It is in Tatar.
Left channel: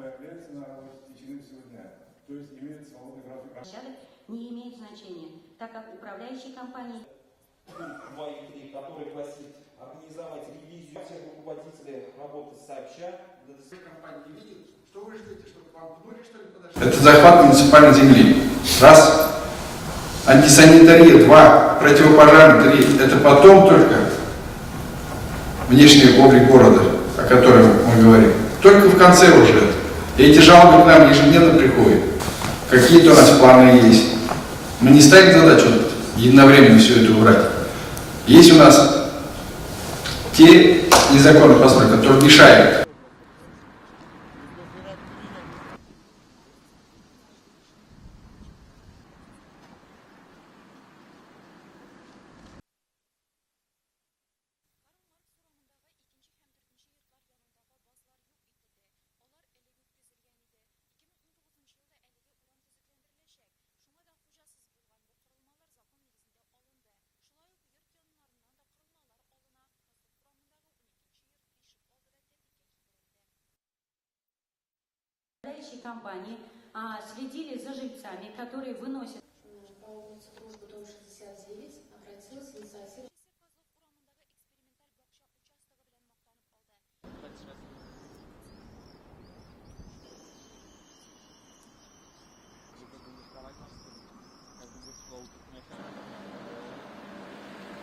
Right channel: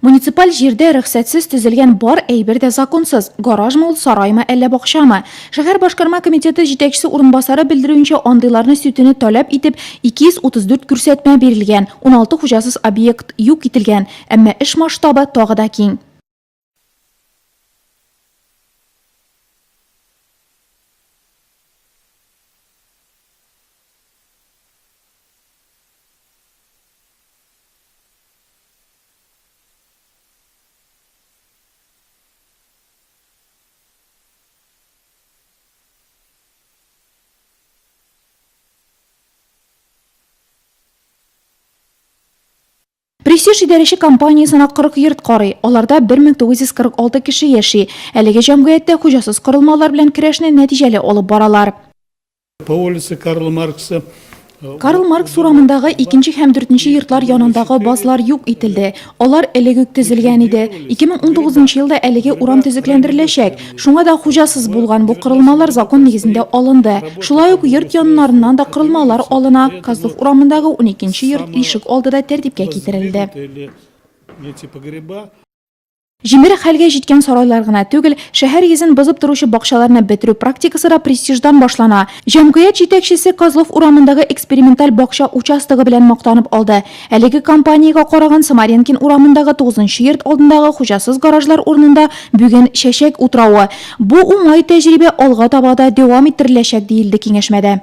Муниципаль җирдә рөхсәтсез төзелгән бар әйбер дә законсыз. Гаражмы ул, сараймы, әллә бакчамы? Шәһәр башкарма комитеты җитәкчесе урынбасары белдерүенчә, андыйларны сөтүне таләп итеп 234 күрсәтмә бирелгән, 16 хуҗасыз объект юк ителгән, әмма эш масштабы тагы да киң. Это захват муниципальной земли. Раз. Антисанитария. Два. Противопожарный. Три. Это потом только внешний облик города, о котором мы говорим. Только в конце уже. И эти жалобы к нам ежедневно приходят. Какие-то у нас планы есть. Мы не ставим задачу единовременно все это убрать. Есть у нас те незаконные постройки, которые мешают. Престиж идарәче компаниясына 40 йорт карый. Аларда 1946 кеше яши. Әлеге җәмгыятьтә хуҗасыз корылмалар белән көрәшне нәтиҗәле алып баралар. По улице Карла Маркса. Карл Маркс урамындагы 2 һәм 4 йортлар янындагы базлар юк ителде. Алар элек үк төзелгән иде. 2019 елда әлеге урам төзекләндереләчәк. Шуңа да хуҗасыз булган бу корылмалар закон нигезендә алынды. Шулай ук йорт яннарыннан да корылмалар алына. Козлов урамындагы 12 йорт ишек алдыда тәртипкә китерелде. Җимере хәлгә җиткән сарайлар гына түгел, шәһәр йөзен бозып торучы бакчаларны бетерү практикасы да престиждан башлана. Җәмгыять җитәкчесе Козлов урамындагы эксперименталь бакча участогы белән мактанып алды. Әлеге компаниягә караган Самаренкин урамындагы 9 йорт алдындагы хуҗасыз гаражлар урынында бүген чәчәк утрауы. Бу уңай тәҗрибә алга таба да дәвам иттереләчәк диелде киңәшмәдә.